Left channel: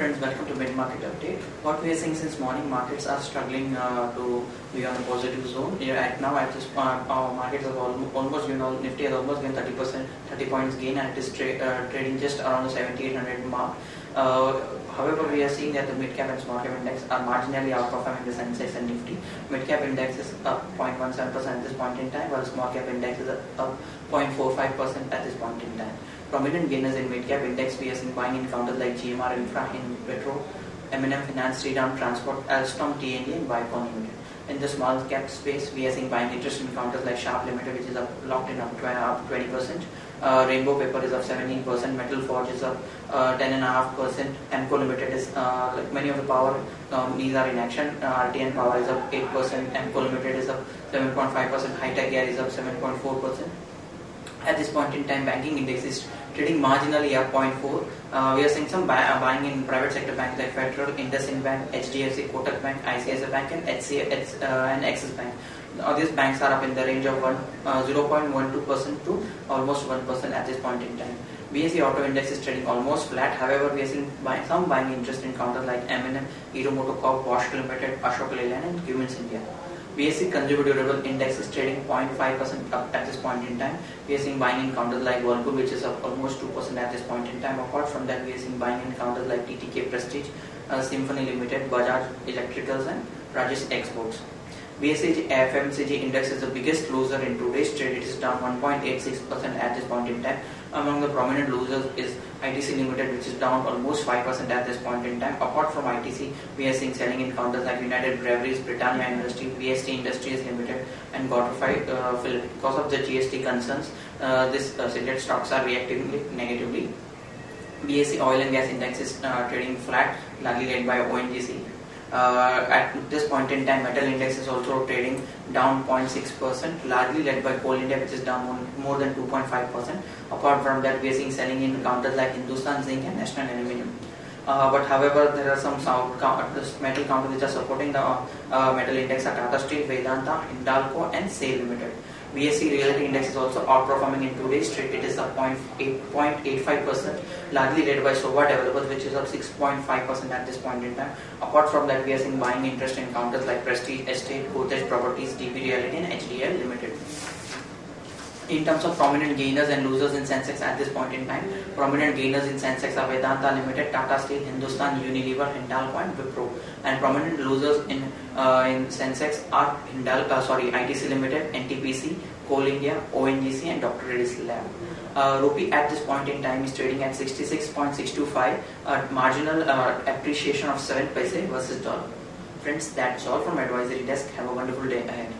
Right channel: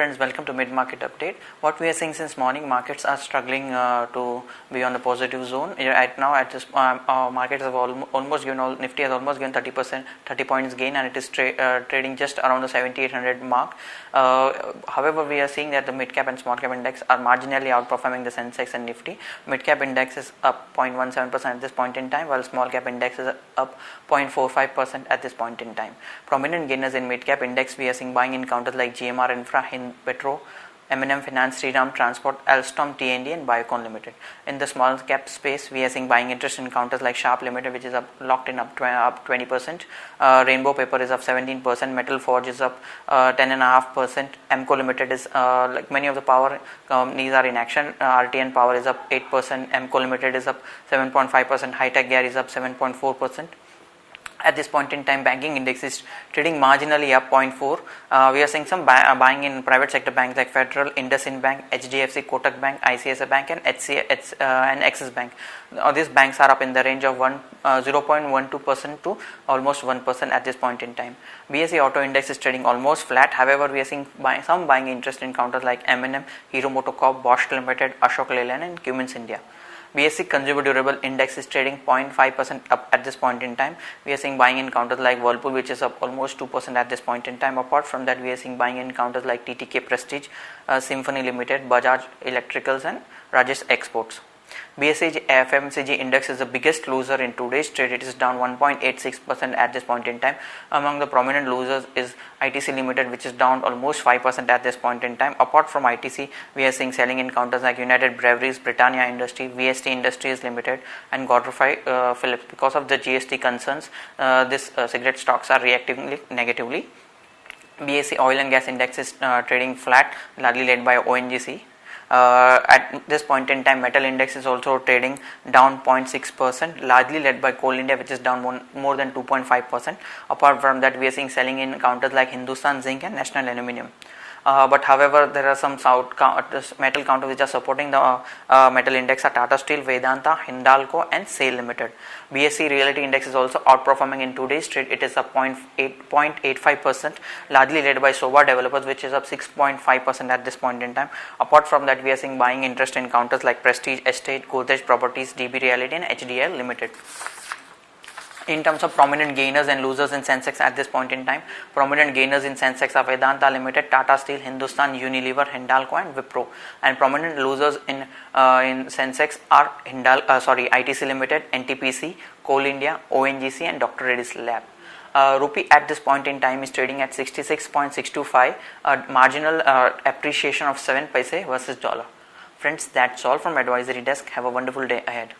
friends, welcome to Mid Market Update. What we are seeing since morning, markets are struggling to be on the positive zone. Right now, at this our markets have almost given, Nifty has almost given 30%, 30 points gain, and it is trading just around the 7800 mark. However, we are seeing that the mid cap and small cap index are marginally outperforming the Sensex and Nifty. Mid cap index is up 0.17% at this point in time, while small cap index is up 0.45% at this point in time. Prominent gainers in mid cap index, we are seeing buying in counters like GMR Infra, Hind Petro, M&M Finance, Sriram Transport, Alstom, T&D and Biocon Limited. In the small cap space, we are seeing buying interest in counters like Sharp Limited, which is locked in up 20%. Rainbow Paper is up 17%. Metal Forge is up 10.5%. Emco Limited is like many of the power companies are in action. RTN Power is up 8%. Emco Limited is up 7.5%. High Tech Gear is up 7.4%. At this point in time, banking index is trading marginally up 0.4. We are seeing some buying in private sector banks like Federal, IndusInd Bank, HDFC, Kotak Bank, ICICI Bank and and Axis Bank. These banks are up in the range of 0.12% to almost 1% at this point in time. BSE Auto Index is trading almost flat. However, we are seeing some buying interest in counters like M&M, Hero MotoCorp, Bosch Limited, Ashok Leyland and Cummins India. BSE Consumer Durable Index is trading 0.5% up at this point in time. We are seeing buying in counters like Whirlpool, which is up almost 2% at this point in time. Apart from that, we are seeing buying in counters like TTK Prestige, Symphony Limited, Bajaj Electricals and Rajesh Exports. BSE FMCG index is the biggest loser in today's trade. It is down 1.86% at this point in time. Among the prominent losers is ITC Limited, which is down almost 5% at this point in time. Apart from ITC, we are seeing selling in counters like United Breweries, Britannia Industry, VST Industries Limited and Godfrey Philip. Because of the GST concerns, these cigarette stocks are reacting negatively. BSE Oil and Gas Index is trading flat, largely led by ONGC. At this point in time, metal index is also trading down 0.6%, largely led by Coal India, which is down more than 2.5%. Apart from that, we are seeing selling in counters like Hindustan Zinc and National Aluminium. But however, there are some metal counters which are supporting the metal index are Tata Steel, Vedanta, Hindalco and SAIL Limited. BSE Realty Index is also outperforming in today's trade. It is up 0.85%, largely led by Sova Developers, which is up 6.5% at this point in time. Apart from that, we are seeing buying interest in counters like Prestige Estate, Godrej Properties, DB Realty and HDL Limited. In terms of prominent gainers and losers in Sensex at this point in time, prominent gainers in Sensex are Vedanta Limited, Tata Steel, Hindustan Unilever, Hindalco and Wipro. And prominent losers in Sensex are ITC Limited, NTPC, Coal India, ONGC and Dr. Reddy's Lab. Rupee at this point in time is trading at 66.625, marginal appreciation of 7 paise versus dollar. Friends, that's all from Advisory Desk. Have a wonderful day ahead.